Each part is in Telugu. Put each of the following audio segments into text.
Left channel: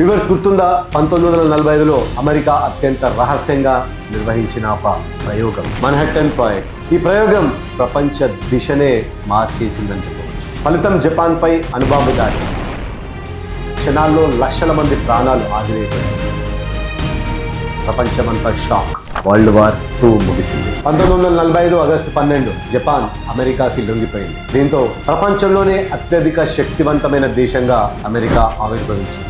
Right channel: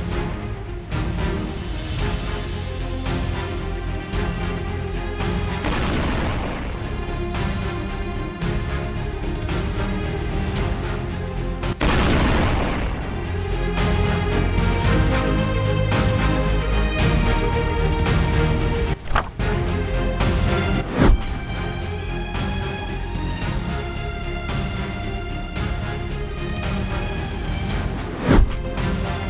వివర్స్ గుర్తుందా, 1945లో అమెరికా అత్యంత రహస్యంగా నిర్వహించిన ఒక ప్రయోగం మన్హట్టన్ ప్రాజెక్ట్. ఈ ప్రయోగం ప్రపంచ దిశనే మార్చేసిందని చెప్పారు. ఫలితం జపాన్పై అణుబాంబు దాడి. క్షణాల్లో లక్షల మంది ప్రాణాలు ఆగిపోయాయి. ప్రపంచమంతా షాక్. వరల్డ్ వార్ II ముగిసింది. 1945 ఆగస్టు 12 జపాన్ అమెరికాకి లొంగిపోయింది. దీంతో ప్రపంచంలోనే అత్యధిక శక్తివంతమైన దేశంగా అమెరికా ఆవిర్భవించింది.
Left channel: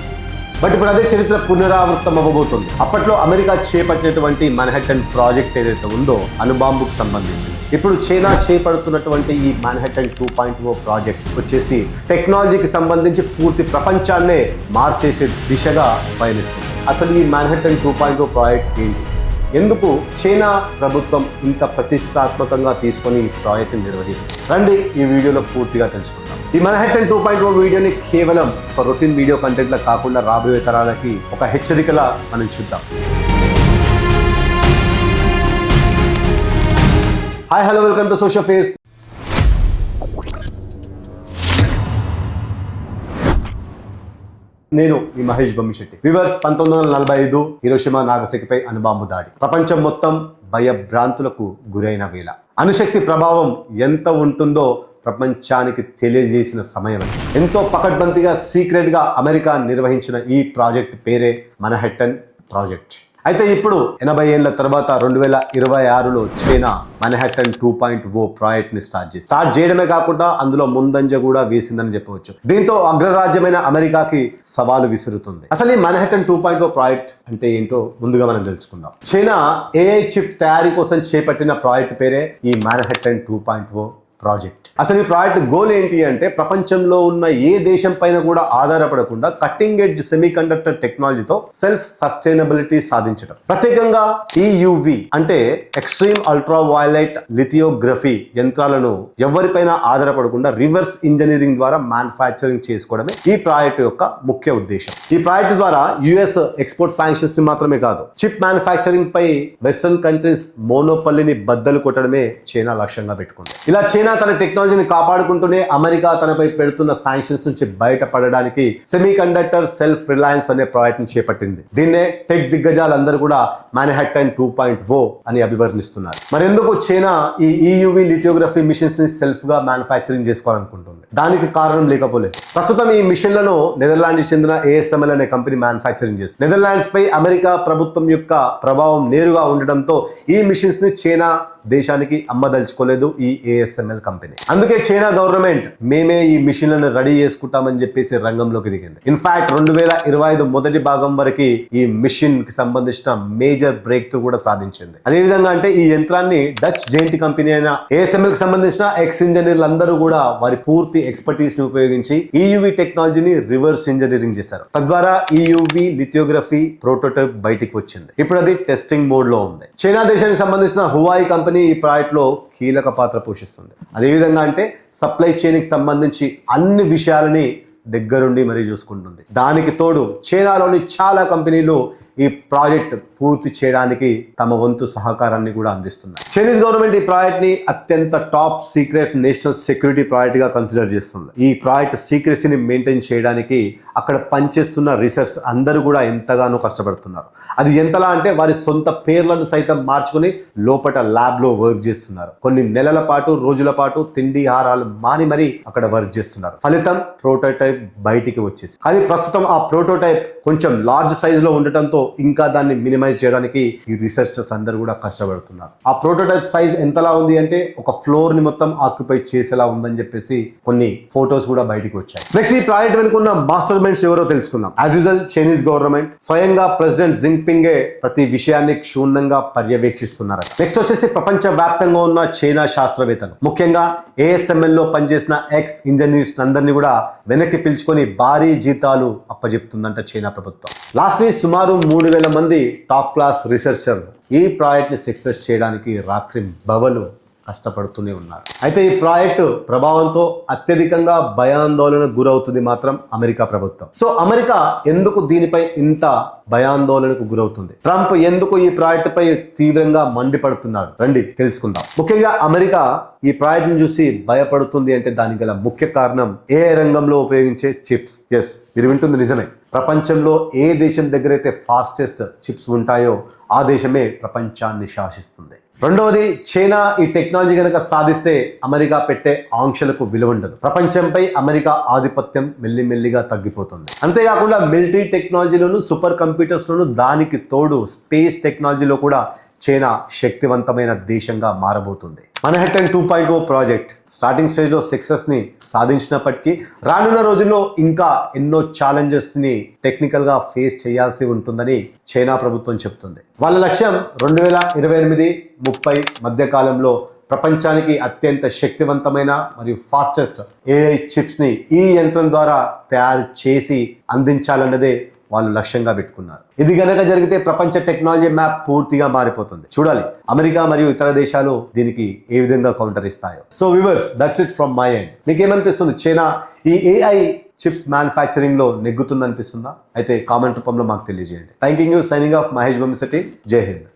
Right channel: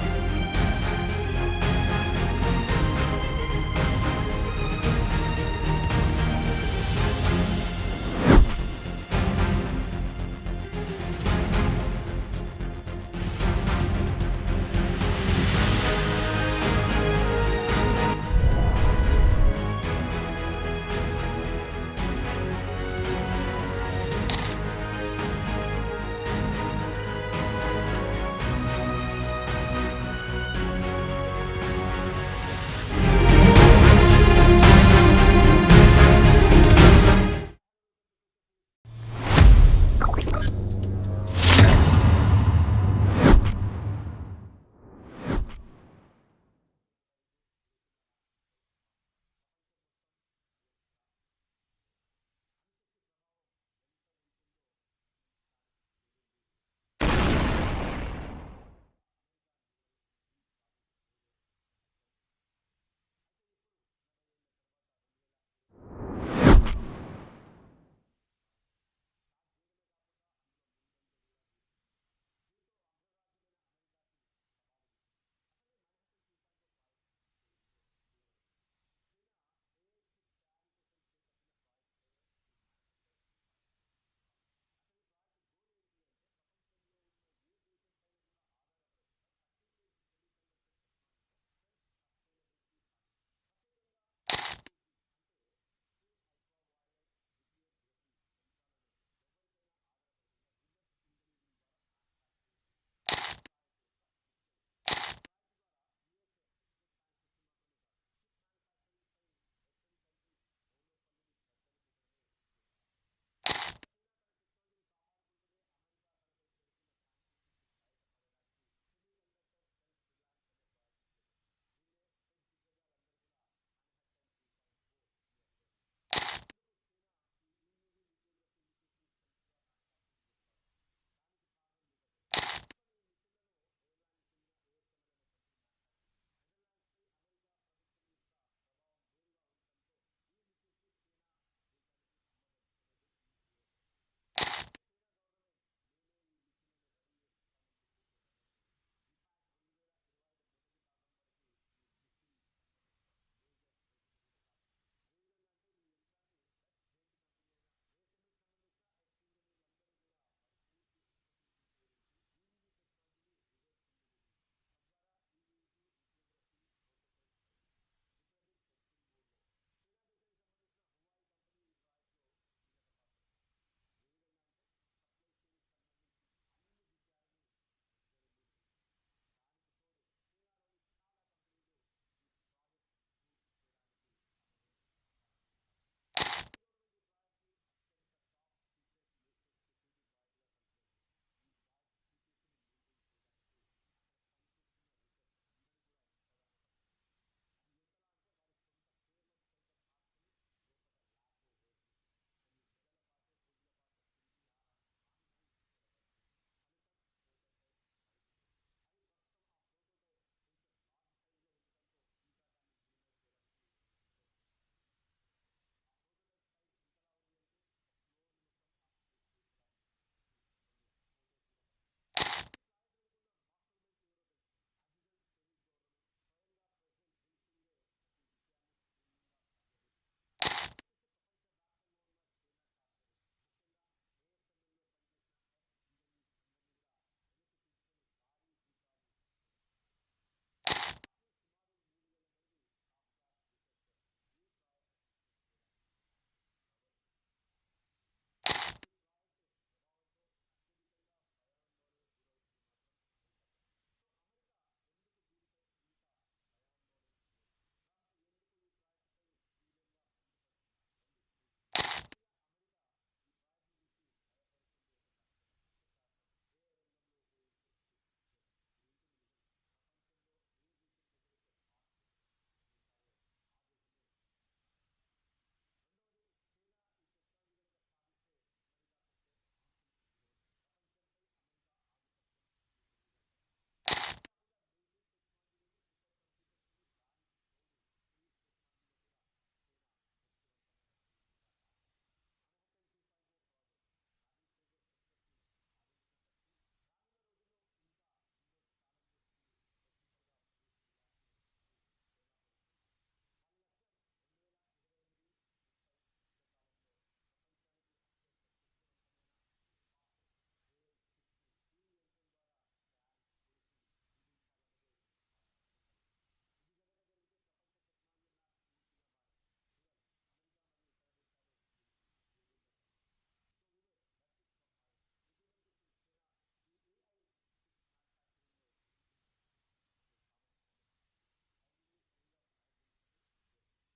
బట్ ఇప్పుడు అదే చరిత్ర పునరావృతం అవ్వబోతుంది. అప్పట్లో అమెరికా చేపట్టినటువంటి మన్హట్టన్ ప్రాజెక్ట్ ఏదైతే ఉందో అణుబాంబుకు సంబంధించి, ఇప్పుడు చైనా చేపడుతున్నటువంటి ఈ మన్హట్టన్ 2.0 ప్రాజెక్ట్ వచ్చేసి టెక్నాలజీకి సంబంధించి పూర్తి ప్రపంచాన్నే మార్చేసే దిశగా పయనిస్తుంది. అసలు ఈ మన్హట్టన్ 2.0 ప్రాజెక్ట్ ఏంటి, ఎందుకు చైనా ప్రభుత్వం ఇంత ప్రతిష్టాత్మకంగా తీసుకొని ఈ ప్రాజెక్టును నిర్వహించింది, రండి ఈ వీడియోలో పూర్తిగా తెలుసుకుందాం. ఈ మన్హట్టన్ 2.0 వీడియోని కేవలం ఒక రొటీన్ వీడియో కంటెంట్ లా కాకుండా రాబోయే తరాలకి ఒక హెచ్చరికలా మనం చూద్దాం. Hi hello, welcome to social fares. నేను ఈ మహేష్ బొమ్మిశెట్టి. వివర్స్, 1945 హిరోషిమా నాగసాకిపై అణుబాంబు దాడి ప్రపంచం మొత్తం భయభ్రాంతులకు గురైన వేళ. అణుశక్తి ప్రభావం ఎంత ఉంటుందో ప్రపంచానికి తెలియజేసిన సమయం. ఎంతో పకడ్బందీగా సీక్రెట్గా అమెరికా నిర్వహించిన ఈ ప్రాజెక్ట్ పేరే మన్హట్టన్ ప్రాజెక్ట్. అయితే ఇప్పుడు 80 ఏళ్ల తర్వాత 2026లో చైనా మన్హట్టన్ 2.0 ప్రాజెక్ట్ ని స్టార్ట్ చేయడమే కాకుండా అందులో ముందంజ కూడా వేసిందని చెప్పవచ్చు. దీంతో అగ్రరాజ్యమైన అమెరికాకి సవాలు విసురుతుంది. అసలు ఈ మన్హట్టన్ 2.0 ప్రాజెక్ట్ అంటే ఏంటో ముందుగా మనం తెలుసుకుందాం. చైనా AI చిప్ తయారీ కోసం చేపట్టిన ప్రాజెక్ట్ పేరే ఈ మన్హట్టన్ 2.0 ప్రాజెక్ట్. అసలు ఈ ప్రాజెక్ట్ గోల్ ఏంటి అంటే ప్రపంచంలో ఉన్న ఏ దేశం పైన కూడా ఆధారపడకుండా కట్టింగ్ ఎడ్జ్ సెమీ కండక్టర్ టెక్నాలజీతో సెల్ఫ్ సస్టైనబిలిటీ సాధించడం. ప్రత్యేకంగా EUV అంటే ఎక్స్ట్రీమ్ అల్ట్రా వైలెట్ లిథియోగ్రఫీ యంత్రాలను ఎవరిపైన ఆధారపడకుండా రివర్స్ ఇంజనీరింగ్ ద్వారా మ్యానుఫ్యాక్చరింగ్ చేసుకోవడమే ఈ ప్రాజెక్ట్ యొక్క ముఖ్య ఉద్దేశం. ఈ ప్రాజెక్ట్ ద్వారా US ఎక్స్పోర్ట్ శాంక్షన్స్ ని మాత్రమే కాదు, చిప్ మ్యానుఫ్యాక్చరింగ్ పై వెస్టర్న్ కంట్రీస్ మోనోపల్లిని బద్దలు కొట్టడమే చైనా లక్ష్యంగా పెట్టుకుంది. ఇలా చైనా తన టెక్నాలజీని కాపాడుకుంటూనే అమెరికా తనపై పెడుతున్న శాంక్షన్స్ నుంచి బయటపడడానికి సెమీ కండక్టర్ సెల్ఫ్ రిలయన్స్ అనే ప్రాజెక్ట్ ని చేపట్టింది. దీన్నే టెక్ దిగ్గజాలందరూ కూడా మన్హట్టన్ 2.0 అని అభివర్ణిస్తున్నారు. మరెందుకు చైనా ఈ EUV లిథియోగ్రఫీ మిషన్స్ ని సెల్ఫ్ గా మ్యానుఫ్యాక్చరింగ్ చేసుకోవాలనుకుంటుంది? దానికి కారణం లేకపోలేదు. ప్రస్తుతం ఈ మిషన్లను నెదర్లాండ్స్ చెందిన ASML అనే కంపెనీ మ్యానుఫ్యాక్చరింగ్ చేస్తుంది. నెదర్లాండ్స్ పై అమెరికా ప్రభుత్వం యొక్క ప్రభావం నేరుగా ఉండడంతో ఈ మిషన్స్ ని చైనా దేశానికి అమ్మదలుచుకోలేదు ఈ ASML కంపెనీ. అందుకే చైనా గవర్నమెంట్ మేమే ఈ మిషన్లను రెడీ చేసుకుంటామని చెప్పేసి రంగంలోకి దిగింది. ఇన్ఫాక్ట్ 2025 మొదటి భాగం వరకు ఈ మిషన్ కి సంబంధించిన మేజర్ బ్రేక్ త్రూ కూడా సాధించింది. అదేవిధంగా అంటే ఈ యంత్రాన్ని డచ్ జెయింట్ కంపెనీ అయిన ASML కి సంబంధించిన ఎక్స్ ఇంజనీర్లు అందరూ కూడా వారి పూర్తి ఎక్స్పర్టీస్ ని ఉపయోగించి EUV టెక్నాలజీని రివర్స్ ఇంజనీరింగ్ చేశారు. తద్వారా EUV లిథియోగ్రఫీ ప్రోటోటైప్ బయటికి వచ్చింది. ఇప్పుడు అది టెస్టింగ్ మోడ్ లో ఉంది. చైనా దేశానికి సంబంధించిన హువాయి కంపెనీ ఈ ప్రాజెక్ట్ లో కీలక పాత్ర పోషిస్తుంది. అదేవిధంగా అంటే సప్లై చైన్ కి సంబంధించి అన్ని విషయాలని దగ్గరుండి మరీ చూసుకుంటుంది. దానికి తోడు చైనాలోని చాలా కంపెనీలు ఈ ప్రాజెక్ట్ పూర్తి చేయడానికి తమ వంతు సహకారాన్ని కూడా అందిస్తున్నారు. చైనీస్ గవర్నమెంట్ ఈ ప్రాజెక్ట్ ని అత్యంత top secret national security project గా కన్సిడర్ చేస్తుంది. ఈ ప్రాజెక్ట్ సీక్రెసీని మెయింటైన్ చేయడానికి అక్కడ పనిచేస్తున్న రీసెర్చ్ అందరూ కూడా ఎంతగానో కష్టపడుతున్నారు. అది ఎంతలా అంటే వారి సొంత పేర్లను సైతం మార్చుకుని లోపల ల్యాబ్ లో వర్క్ చేస్తున్నారు. కొన్ని నెలల పాటు, రోజుల పాటు తిండి ఆహారాలు మాని మరీ అక్కడ వర్క్ చేస్తున్నారు. ఫలితం ప్రోటోటైప్ బయటికి వచ్చేసి, అది ప్రస్తుతం ఆ ప్రోటోటైప్ కొంచెం లార్జ్ సైజ్ లో ఉండటంతో ఇంకా దాన్ని మినిమైజ్ చేయడానికి ఈ రీసెర్చర్స్ అందరూ కూడా కష్టపడుతున్నారు. ఆ ప్రోటోటైప్ సైజ్ ఎంతలా ఉంది అంటే ఒక ఫ్లోర్ ని మొత్తం ఆక్యుపై చేసేలా ఉందని చెప్పేసి కొన్ని ఫోటోస్ కూడా బయటికి వచ్చాయి. నెక్స్ట్ ఈ ప్రాజెక్ట్ వెనుకున్న మాస్టర్ మైండ్స్ ఎవరో తెలుసుకుందాం. యాజ్ యూజువల్ చైనీస్ గవర్నమెంట్ స్వయంగా ప్రెసిడెంట్ జింగ్పింగే ప్రతి విషయాన్ని క్షుణ్ణంగా పర్యవేక్షిస్తున్నారు. నెక్స్ట్ వచ్చేసి ప్రపంచ వ్యాప్తంగా ఉన్న చైనా శాస్త్రవేత్తలు, ముఖ్యంగా ASML లో పనిచేసిన ఎక్స్ ఇంజనీర్స్ అందరినీ కూడా వెనక్కి పిలుచుకొని భారీ జీతాలు అప్పజెప్తుందంట చైనా ప్రభుత్వం. లాస్ట్లీ సుమారు 3000 మంది టాప్ క్లాస్ రీసెర్చర్లు ఈ ప్రాజెక్ట్ ని సక్సెస్ చేయడానికి రాత్రి బవలు కష్టపడుతూనే ఉన్నారు. అయితే ఈ ప్రాజెక్టు ప్రభావంతో అత్యధికంగా భయాందోళనకు గురవుతుంది మాత్రం అమెరికా ప్రభుత్వం. సో అమెరికా ఎందుకు దీనిపై ఇంత భయాందోళనకు గురవుతుంది? ట్రంప్ ఎందుకు ఈ ప్రాజెక్టు పై తీవ్రంగా మండిపడుతున్నాడు? రండి తెలుసుకుందాం. ముఖ్యంగా అమెరికా ఈ ప్రాజెక్ట్ ను చూసి భయపడుతుంది అంటే దానికి గల ముఖ్య కారణం AI రంగంలో ఉపయోగించే చిప్స్. ఎస్, మీరు వింటుంది నిజమే. ప్రపంచంలో ఏ దేశం దగ్గర అయితే ఫాస్టెస్ట్ చిప్స్ ఉంటాయో ఆ దేశమే ప్రపంచాన్ని శాసిస్తుంది. రెండవది, చైనా ఈ టెక్నాలజీ కనుక సాధిస్తే అమెరికా పెట్టే ఆంక్షలకు విలువ ఉండదు. ప్రపంచంపై అమెరికా ఆధిపత్యం మెల్లిమెల్లిగా తగ్గిపోతుంది. అంతేకాకుండా మిలిటరీ టెక్నాలజీలోను, సూపర్ కంప్యూటర్స్లోను, దానికి తోడు స్పేస్ టెక్నాలజీలో కూడా చైనా శక్తివంతమైన దేశంగా మారబోతుంది. మన్హాటన్ 2.0 ప్రాజెక్ట్ స్టార్టింగ్ స్టేజ్లో సక్సెస్ని సాధించినప్పటికీ రానున్న రోజుల్లో ఇంకా ఎన్నో ఛాలెంజెస్ని టెక్నికల్గా ఫేస్ చేయాల్సి ఉంటుందని చైనా ప్రభుత్వం చెబుతుంది. వాళ్ళ లక్ష్యం 2028-30 మధ్య కాలంలో ప్రపంచానికి అత్యంత శక్తివంతమైన మరియు ఫాస్టెస్ట్ AI చిప్స్ని ఈ యంత్రం ద్వారా తయారు చేసి అందించాలన్నదే వాళ్ళు లక్ష్యంగా పెట్టుకున్నారు. ఇది గనక జరిగితే ప్రపంచ టెక్నాలజీ మ్యాప్ పూర్తిగా మారిపోతుంది. చూడాలి అమెరికా మరియు ఇతర దేశాలు దీనికి ఏ విధంగా కౌంటర్ ఇస్తాయో. So viewers, that's it from my end. మీకు ఏమనిపిస్తుంది? చైనా ఈ AI చిప్స్ మ్యానుఫ్యాక్చరింగ్ లో నెగ్గుతుంది అనిపిస్తుందా? అయితే కామెంట్ రూపంలో మాకు తెలియజేయండి. Thank you. Signing off Mahesh Bommisetty. Jai Hind.